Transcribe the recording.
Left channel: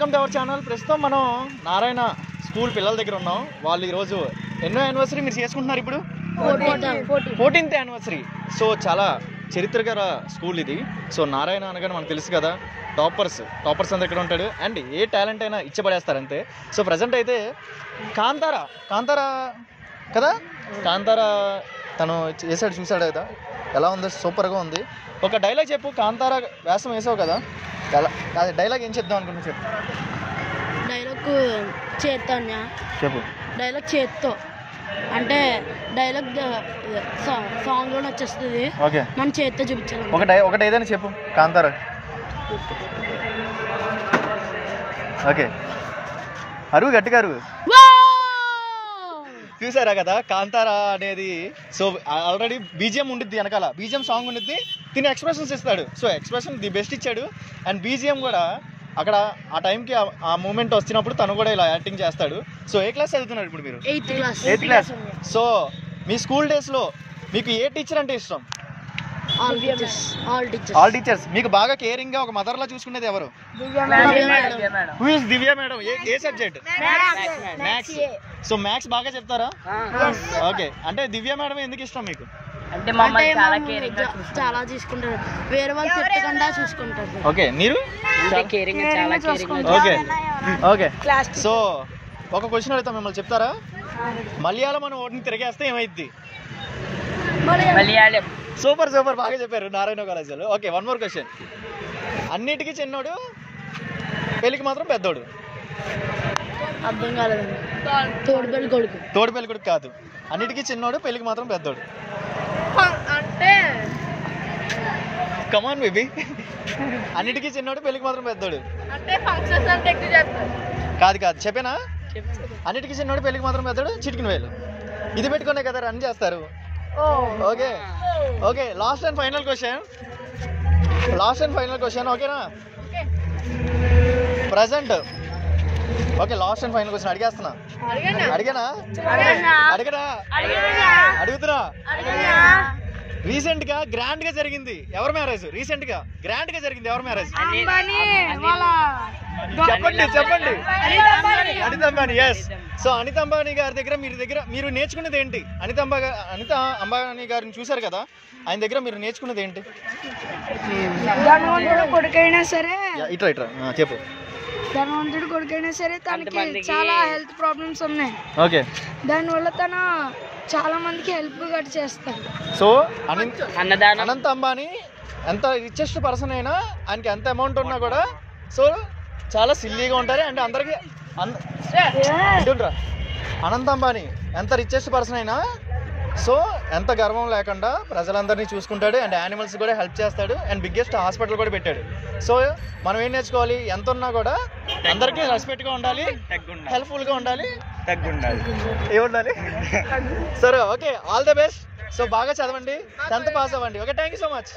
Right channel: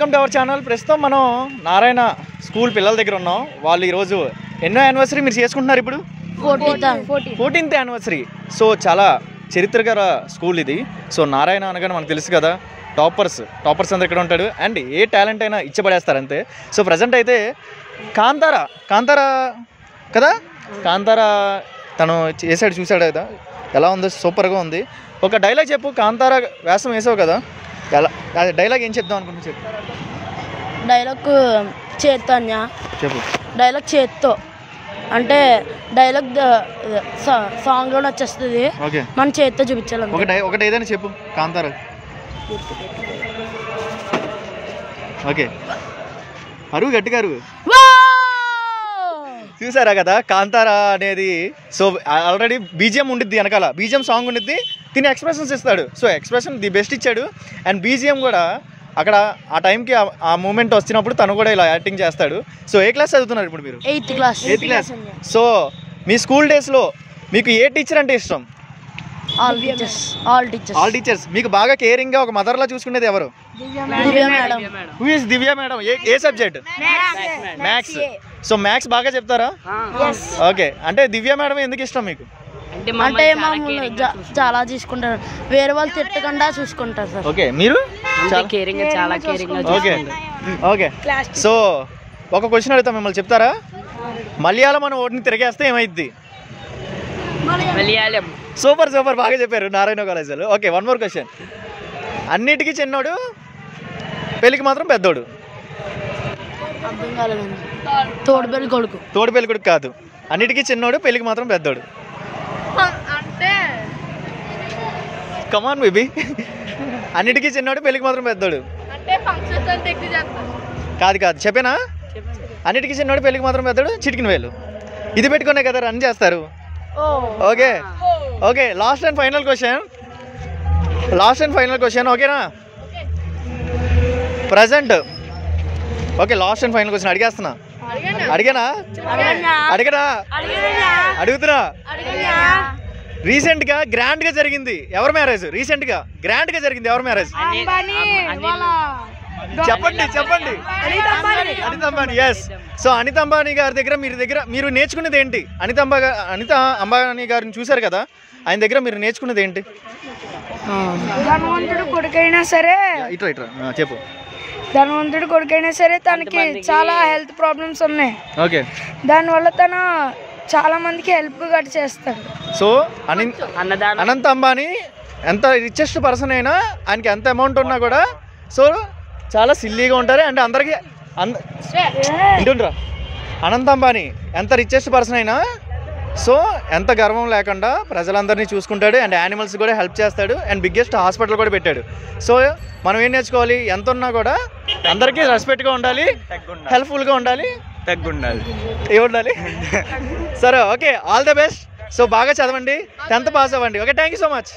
Welcome to our channel. ప్రస్తుతం మనం Narayana school పిల్లల దగ్గర ఉన్నాం. వాళ్ళు ఈరోజు ఎన్నో యానివర్సరీ మీరు చేసుకుంటున్నారు? ఇప్పుడు 14th యానివర్సరీ. సో చాలా చరిత్రకర స్కూల్ ఇది. సో నారాయణ అనగానే మనకు తెలుసు కదా, టాపర్స్ అందరు ఇక్కడ ఉంటాడు అండ్ ఏ టాలెంట్ అయినా ఇచ్చబడేస్తారు అంతే. సో ప్రజెంట్ అయితే కాంతారా కదా, కాంతారా తను చేసాడు, చూసాడు కదా ఎలా ఉందో, సూపర్గా ఉంది. ఒక డైలాగ్ చెప్పు. కాంతారా వేషం వేసావు కదా, ఎలా డైలాగ్ ఏం చెప్దాం అనుకున్నా చెప్పు. డైలాగ్ చేత్తో అన్యా, చెప్పు. డైలాగ్ చేత్తో అంటే డైలాగ్ సాంగ్ లో వచ్చేస్తుంది. ఓకే, మన చేత్తో చూపించాలి. ఒకటి ఏదైనా చెప్పు కాంతారా. ఓకే, అరువు గట్టిగా అరువు. చూసారా కదా కాంతారా అనేది. సో ఆల్రెడీ బీజిఎం ఉండిద్ది, వెనకాల బీజిఎం సాంగ్ ఉండిద్ది, తిని ఎక్స్ప్రెషన్స్ ఇస్తాడు. సో ఎక్స్ప్రెషన్ ది బెస్ట్ ఇచ్చాడు. అండ్ బీజిఎం కూడా అక్కడ ఆ టైంకి ఆ మూమెంట్ వచ్చినప్పుడు తను కూడా ఇలా యాక్టింగ్ చేస్తాడు. సో ఏ క్లాస్ చదువుతున్నారు ఇప్పుడు మీరు? 8th class. సో మీ స్కూల్ డేస్లో మీకు ఏ టీచర్ అంటే ఇష్టం? All teachers. మీకు బాగా కేరింగ్ గా ఒక మదర్ లా చూసుకునేది ఎవరు? Who is Divya madam. A subject? Maths. So maths బాగా చెప్తారా? ఓకే, అంటే దివ్య మేడం ఎందుకు ఇష్టం మీకు? అంటే చాలా చూసుకుంటారు, వేరే వాళ్ళు తిట్టకుండా చూసుకుంటారు. ఓకే, మీరు? Okay okay. సో ఒక క్వశ్చన్ అడుగుతా, మిమ్మల్ని చెప్తారా? మలయాళం మన ఓటుని తిరిగేస్తే ఏమైద్ది? సూపర్ బాగా చెప్పారు నారాయణ కాలేజీలో. Okay, one more question. అన్నిటికీ చిన్నోడు, పెళ్ళికి మాత్రం పెద్దోడు. అర్థం కాలేదు. తోడు పెళ్లి కొడుకు కాదు, అన్నిటికీ చిన్నోడు, పెళ్ళికి మాత్రం పెద్దోడు. అంటే కమాన్ బేబీ. అన్నిటికీ చిన్నోడు, పెళ్ళికి మాత్రం పెద్దోడు. కాదు చెప్పేనా? అన్నిటికీ చిన్నోడు, పెళ్ళికి మాత్రం పెద్దోడు, చిటికిన వేలు. ఇది పెట్టుకునే కదా రన్ చేస్తారు. Okay, last and final question. ఓకేనా? Present. Okay, last and final question అడిగేస్తున్నా. అడుగుతున్నా. రీసెంట్ గా గ్రాండ్ గా జరిగింది ఎవరి మ్యారేజ్? ఎవరి మ్యారేజ్? చెప్పండి. అనిత అంబానీ. ఎస్. సో అనిత అంబానీ గారి దగ్గర మీరు నేర్చుకునేది ఏంటి? అనిత అంబానీ గారిని చూసారు కదా, ఆయన దగ్గర మీరు నేర్చుకునేది ఏంటి? ధనవంతుడు కొడుకైనా సరే, ఇట్రా చెప్పు. ధనవంతుడు కొడుకైనా సరే తనకి చాలా హెల్త్ ప్రాబ్లమ్స్ ఉన్నాయి. ఓకే, దానివల్ల తను చాలా మందికి హెల్ప్ గట్రా చేస్తాడు. సో అనంత అంబానీ ఎంత రిచెస్ట్ పర్సన్ అయినా, ఆయనకి ఎంత అమౌంట్ ఉన్నా కూడా సో చాలా సిల్లీగా ఉంటారు. అండ్ అందరికి అనంత అంబానీ ఎంత రిచెస్ట్ పర్సన్ అయినా సో ఎంత గర్వం లేకుండా ప్రజలందరినీ చూసుకుంటాడు. అండ్ యానిమల్స్ కూడా హెల్ప్ చేస్తాడు. అండ్ బిగ్గెస్ట్ హాస్పిటల్ కూడా పెట్టాడు. సో మనం ఏం నేర్చుకోవాలి? ఎంత ఉన్నా కూడా అందరికీ రెస్పెక్ట్గా ఉండాలి, హెల్ప్ఫుల్గా ఉండాలి, ఉండాలి. సరే, okay, all the best. So బాగా చదవండి, 10th పాస్ అవ్వండి. Okay, thank you so much.